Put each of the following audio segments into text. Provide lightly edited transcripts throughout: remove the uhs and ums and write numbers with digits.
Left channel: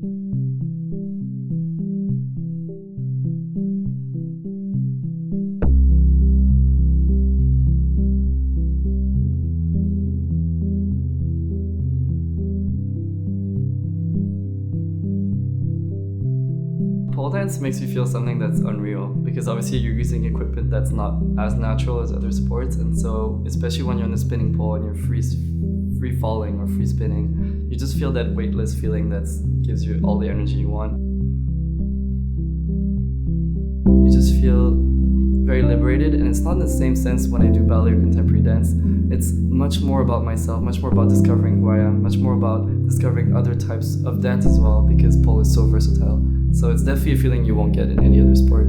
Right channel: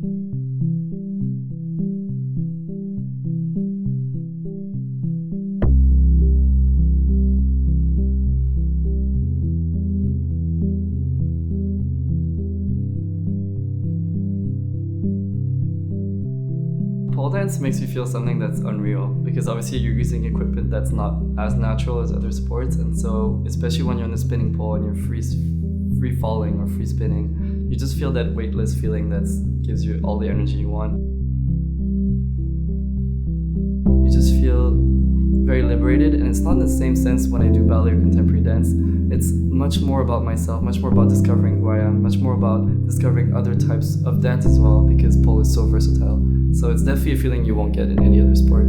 Pole dance makes you feel something that's unreal because obviously you're using equipment that's not as natural as other sports, and so especially when you're on the spinning pole and you're free falling or free spinning, you just feel that weightless feeling that gives you all the energy you want. You just feel very liberated, and it's not in the same sense when I do ballet or contemporary dance. It's much more about myself, much more about discovering who I am, much more about discovering other types of dance as well, because pole is so versatile. So it's definitely a feeling you won't get in any other sport.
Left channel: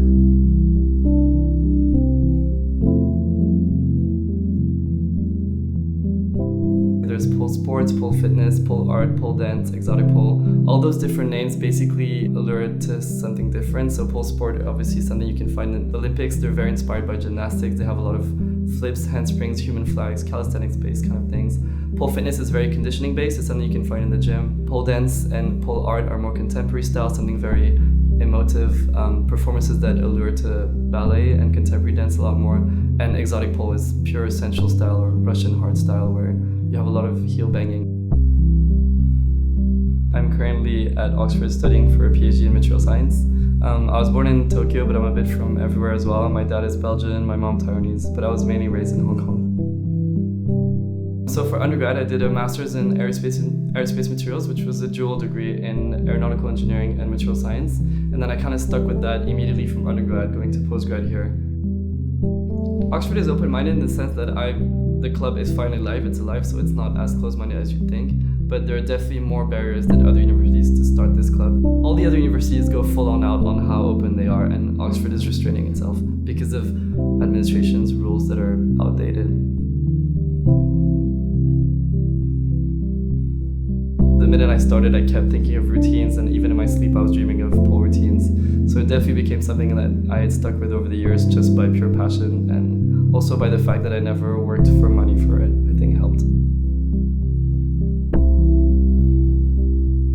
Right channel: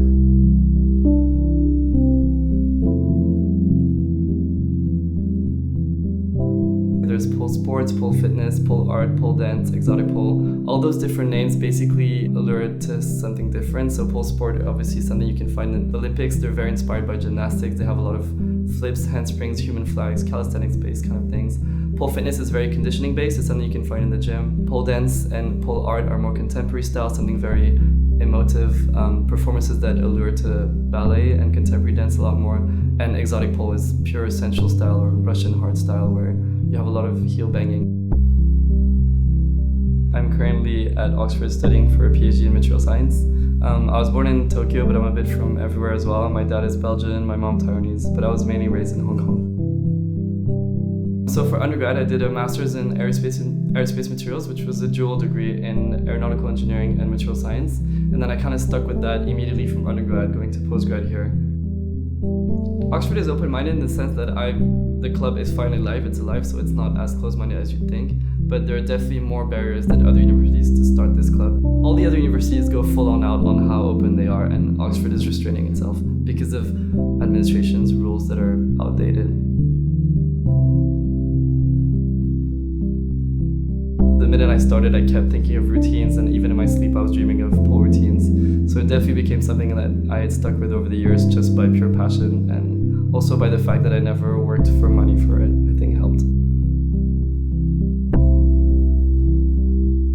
There's pole sports, pole fitness, pole art, pole dance, exotic pole. All those different names basically allure to something different. So pole sport, obviously something you can find in the Olympics. They're very inspired by gymnastics. They have a lot of flips, handsprings, human flags, calisthenics-based kind of things. Pole fitness is very conditioning based. It's something you can find in the gym. Pole dance and pole art are more contemporary style, something very emotive, performances that allure to ballet and contemporary dance a lot more. And exotic pole is pure sensual style or Russian hard style where you have a lot of heel banging. I'm currently at Oxford studying for a PhD in material science. I was born in Tokyo, but I'm a bit from everywhere as well. My dad is Belgian, my mom Taiwanese, but I was mainly raised in Hong Kong. So for undergrad, I did a master's in aerospace materials, which was a dual degree in aeronautical engineering and material science. And then I kind of stuck with that immediately from undergrad, going to postgrad here. Oxford is open-minded in the sense that the club is finally live, it's alive, so it's not as close-minded as you'd think. But there are definitely more barriers than other universities to start this club. All the other universities go full-on out on how open they are, and Oxford is restraining itself because of administration's rules that are outdated. The minute I started, I kept thinking of routines, and even in my sleep, I was dreaming of pole routines. So it definitely became something that I had stuck with over the years just by pure passion, and also by the fact that I never worked for money for it, I think helped.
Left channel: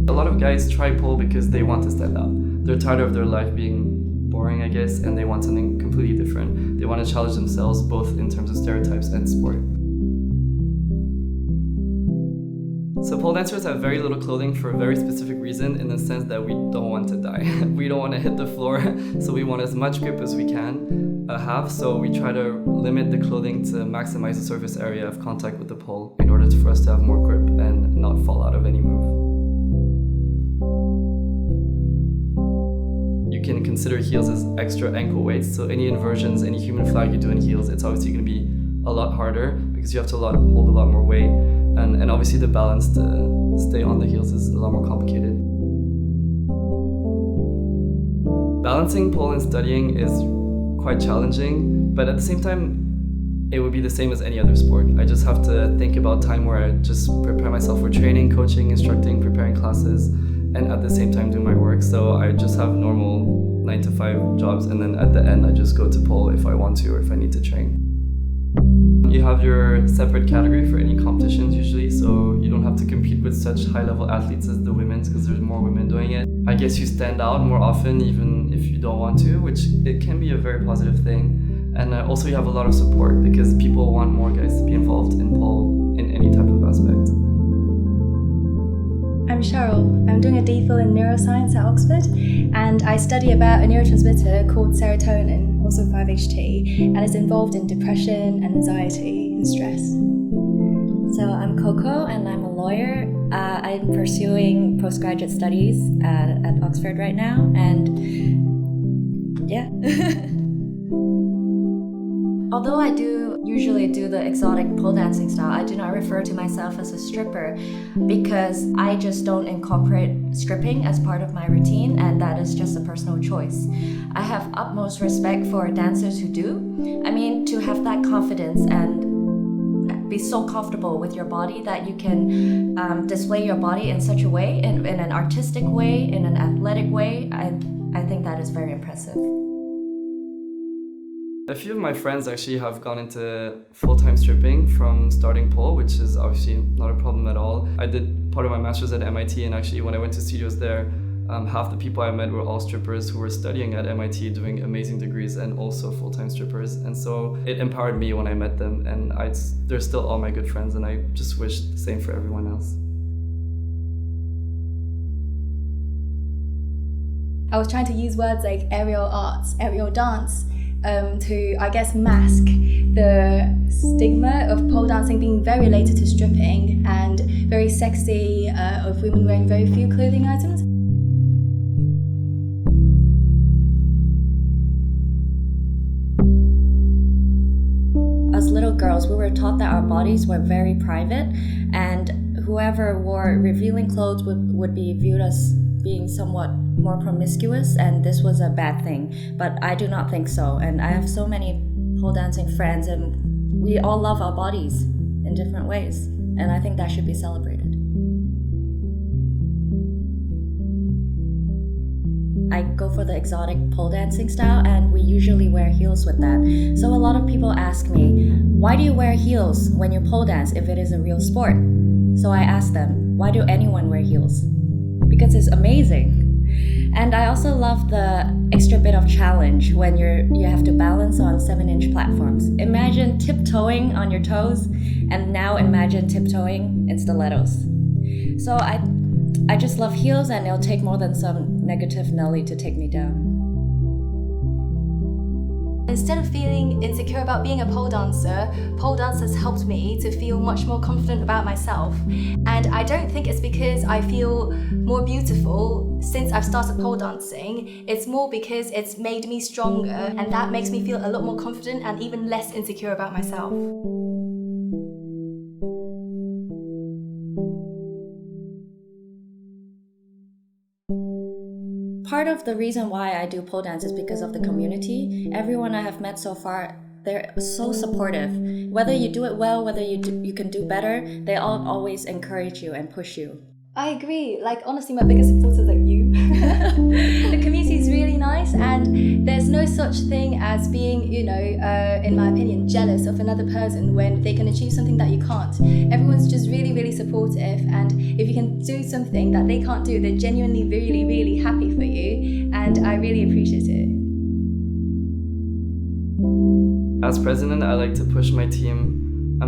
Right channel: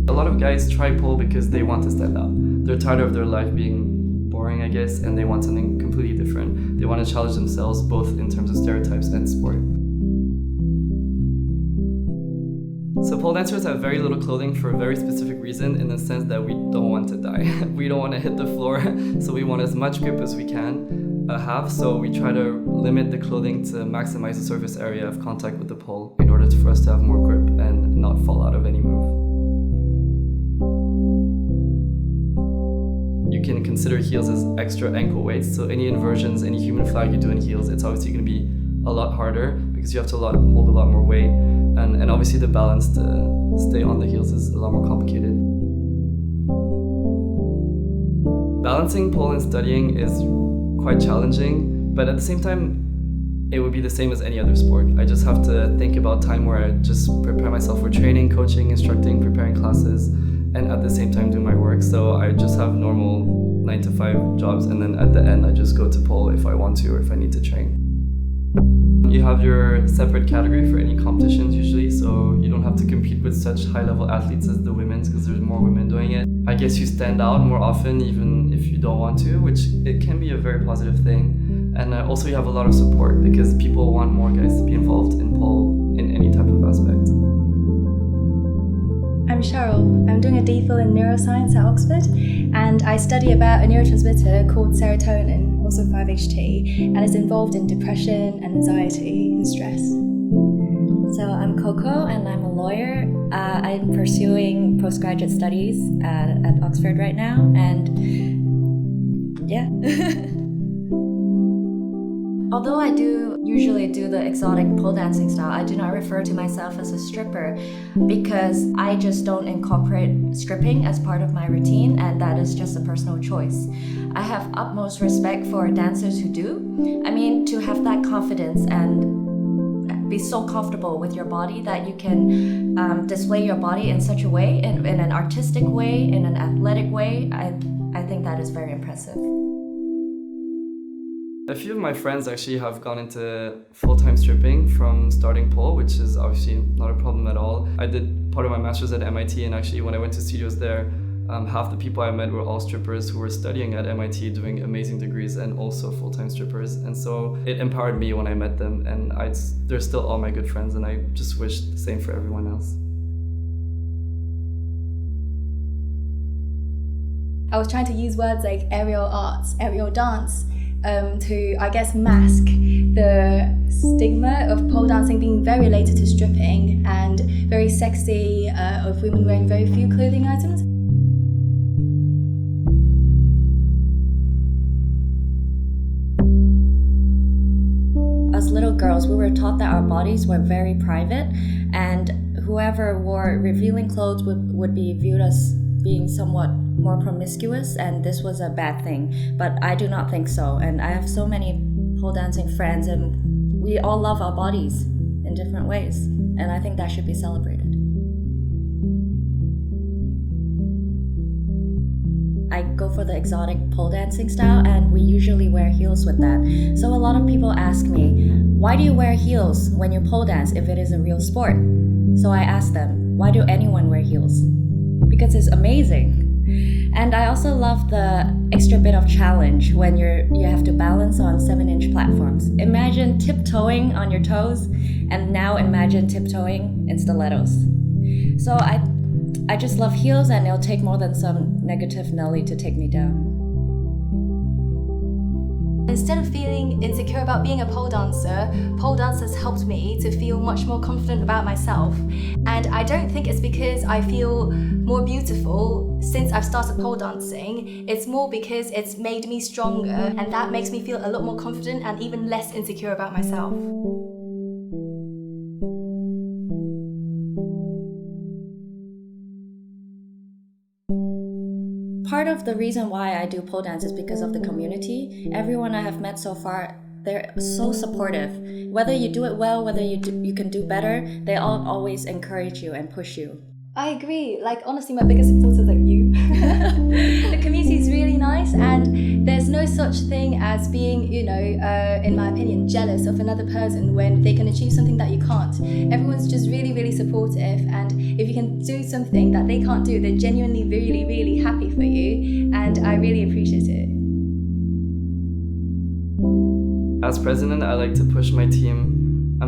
A lot of guys try pole because they want to stand out. They're tired of their life being boring, I guess, and they want something completely different. They want to challenge themselves both in terms of stereotypes and sport. So pole dancers have very little clothing for a very specific reason, in the sense that we don't want to die. We don't want to hit the floor, so we want as much grip as we can have, so we try to limit the clothing to maximize the surface area of contact with the pole in order for us to have more grip and not fall out of any move. You can consider heels as extra ankle weights, so any inversions, any human flag you do in heels, it's obviously going to be a lot harder because you have to hold a lot more weight. And obviously the balance to stay on the heels is a lot more complicated. Balancing pole and studying is quite challenging, but at the same time, it would be the same as any other sport. I just have to think about time where I just prepare myself for training, coaching, instructing, preparing classes, and at the same time do my work. So I just have normal 9-to-5 jobs, and then at the end I just go to pole if I want to or if I need to train. You have your separate category for any competitions usually, so you don't have to compete with such high-level athletes as the women's because there's more women doing it. I guess you stand out more often even if you don't want to, which it can be a very positive thing. And also you have a lot of support because people want more guys to be involved in pole in any type of aspect. I'm Cheryl. I'm doing a DPhil in neuroscience at Oxford, and I study about a neurotransmitter called serotonin, also 5-HT, and it's involved in depression, anxiety, and stress. So I'm Coco, and I'm a lawyer. I'm pursuing postgraduate studies at Oxford right now, and yeah. Although I do usually do the exotic pole dancing style, I do not refer to myself as a stripper because I just don't incorporate stripping as part of my routine, and that is just a personal choice. I have utmost respect for dancers who do. I mean, to have that confidence and be so comfortable with your body that you can display your body in such a way, in an artistic way, in an athletic way, I think that is very impressive. A few of my friends actually have gone into full-time stripping from starting pole, which is obviously not a problem at all. I did part of my master's at MIT, and actually when I went to studios there, Half the people I met were all strippers who were studying at MIT, doing amazing degrees, and also full-time strippers. And so it empowered me when I met them, and they're still all my good friends, and I just wish the same for everyone else. I was trying to use words like aerial arts, aerial dance, to, I guess, mask the stigma of pole dancing being very related to stripping and very sexy, of women wearing very few clothing items. As little girls, we were taught that our bodies were very private, and whoever wore revealing clothes would be viewed as being somewhat more promiscuous, and this was a bad thing. But I do not think so, and I have so many pole dancing friends, and we all love our bodies in different ways, and I think that should be celebrated. I go for the exotic pole dancing style, and we usually wear heels with that. So a lot of people ask me, why do you wear heels when you pole dance if it is a real sport? So I ask them, why do anyone wear heels? Because it's amazing. And I also love the extra bit of challenge when you have to balance on 7-inch platforms. Imagine tiptoeing on your toes, and now imagine tiptoeing in stilettos. So I just love heels, and it'll take more than some negative Nelly to take me down. Instead of feeling insecure about being a pole dancer, pole dance has helped me to feel much more confident about myself. And I don't think it's because I feel more beautiful since I've started pole dancing. It's more because it's made me stronger, and that makes me feel a lot more confident and even less insecure about myself. Part of the reason why I do pole dance is because of the community. Everyone I have met so far, they're so supportive. Whether you do it well, whether you can do better, they all always encourage you and push you. I agree. Like, honestly, my biggest supporters are you. The community is really nice, and there's no such thing as being, in my opinion, jealous of another person when they can achieve something that you can't. Everyone's just really, really supportive, and if you can do something that they can't do, they're genuinely really, really happy for you, and I really appreciate it. As president, I like to push my team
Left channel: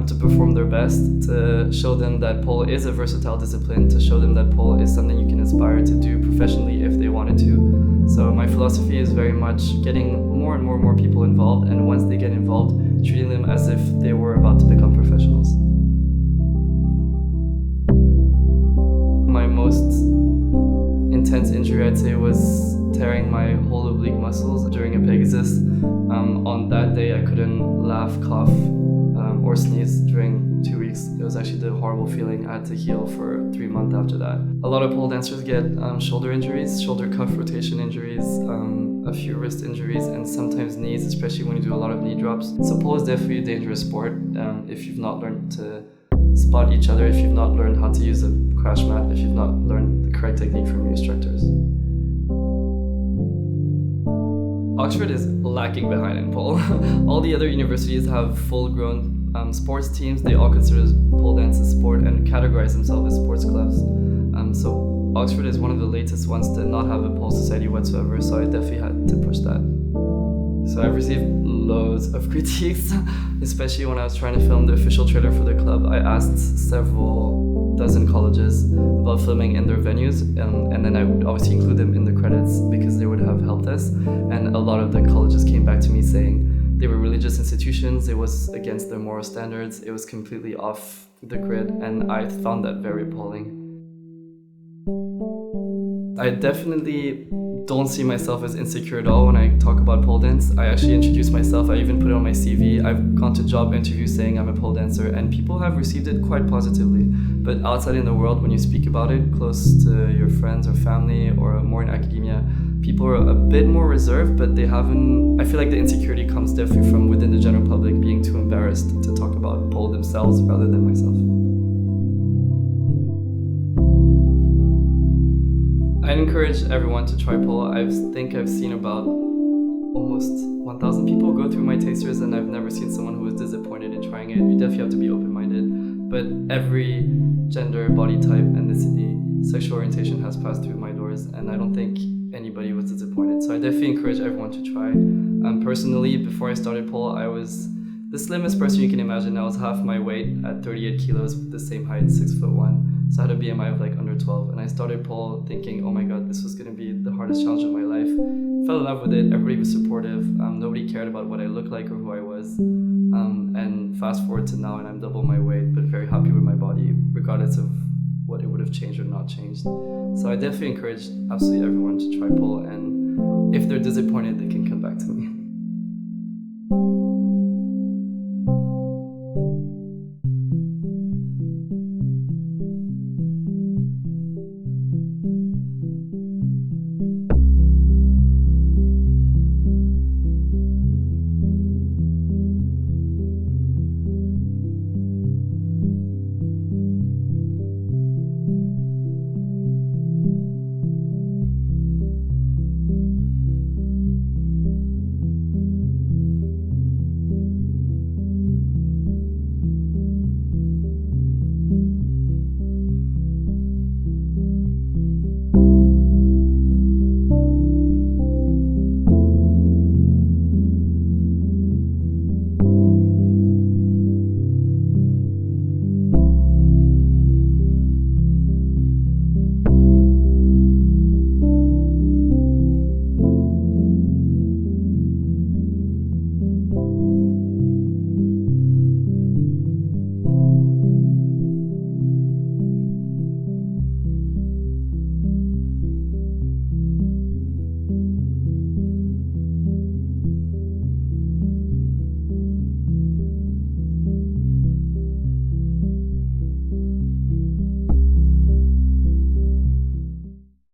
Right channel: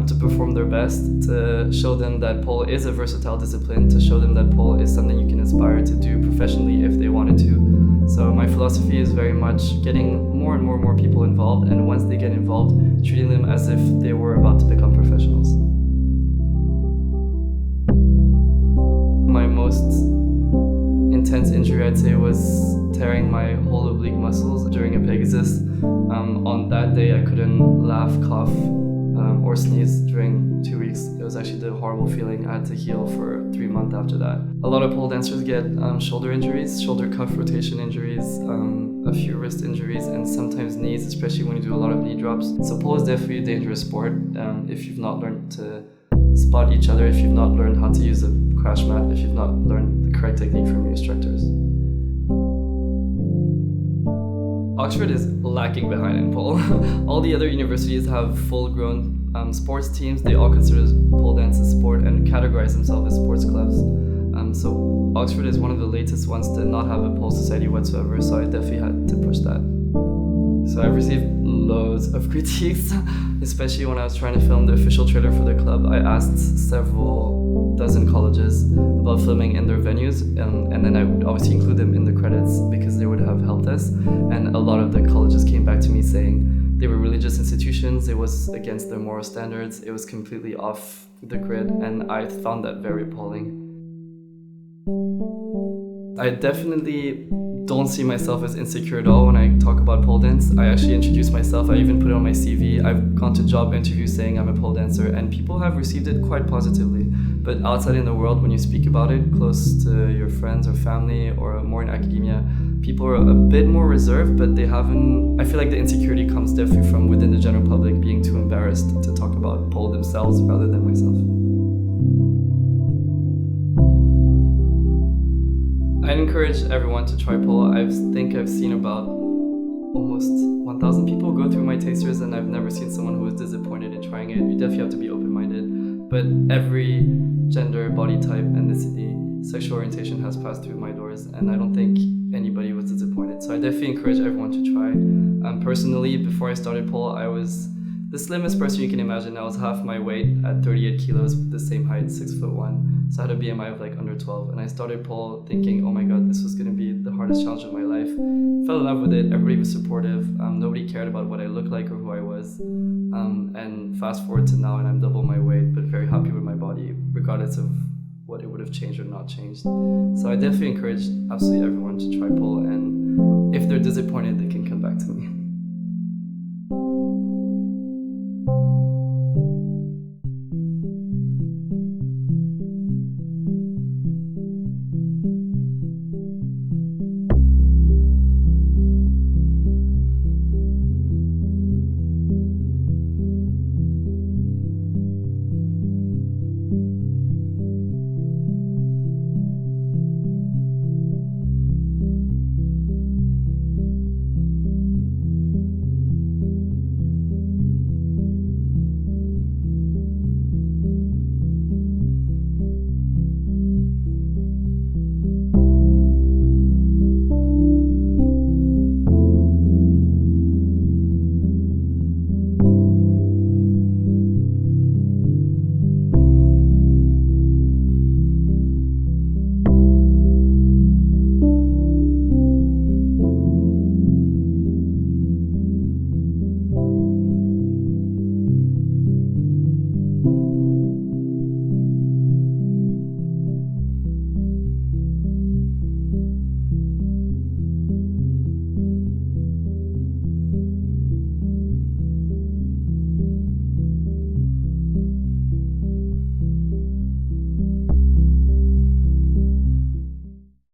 to perform their best, to show them that pole is a versatile discipline, to show them that pole is something you can aspire to do professionally if they wanted to. So my philosophy is very much getting more and more people involved, and once they get involved, treating them as if they were about to become professionals. My most intense injury, I'd say, was tearing my whole oblique muscles during a Pegasus. On that day, I couldn't laugh, cough, or sneeze during 2 weeks. It was actually the horrible feeling. I had to heal for 3 months after that. A lot of pole dancers get shoulder injuries, shoulder cuff rotation injuries, a few wrist injuries, and sometimes knees, especially when you do a lot of knee drops. So pole is definitely a dangerous sport if you've not learned to spot each other, if you've not learned how to use a crash mat, if you've not learned the correct technique from your instructors. Oxford is lacking behind in pole. All the other universities have full-grown sports teams. They all consider pole dance a sport and categorize themselves as sports clubs. So Oxford is one of the latest ones to not have a pole society whatsoever, so I definitely had to push that. So I've received loads of critiques, especially when I was trying to film the official trailer for the club. I asked several dozen colleges about filming in their venues, and then I would obviously include them in the credits because they would have helped us. And a lot of the colleges came back to me saying they were religious institutions, it was against their moral standards, it was completely off the grid, and I found that very appalling. I definitely don't see myself as insecure at all when I talk about pole dance. I actually introduce myself, I even put it on my CV. I've gone to job interviews saying I'm a pole dancer, and people have received it quite positively. But outside in the world, when you speak about it, close to your friends or family or more in academia, people are a bit more reserved, but they haven't... I feel like the insecurity comes definitely from within the general public being too embarrassed to talk about pole themselves rather than myself. I'd encourage everyone to try pole. I think I've seen about almost 1,000 people go through my tasters, and I've never seen someone who was disappointed in trying it. You definitely have to be open-minded, but every gender, body type, ethnicity, sexual orientation has passed through my doors, and I don't think anybody was disappointed. So I definitely encourage everyone to try. Personally, before I started pole, I was the slimmest person you can imagine. I was half my weight at 38 kilos with the same height, 6'1". So I had a BMI of like under 12. And I started pole thinking, oh my God, this was gonna be the hardest challenge of my life. Fell in love with it, everybody was supportive. Nobody cared about what I looked like or who I was. And fast forward to now, and I'm double my weight, but very happy with my body, regardless of what it would have changed or not changed. So I definitely encourage absolutely everyone to try pole, and if they're disappointed, they can come back to me.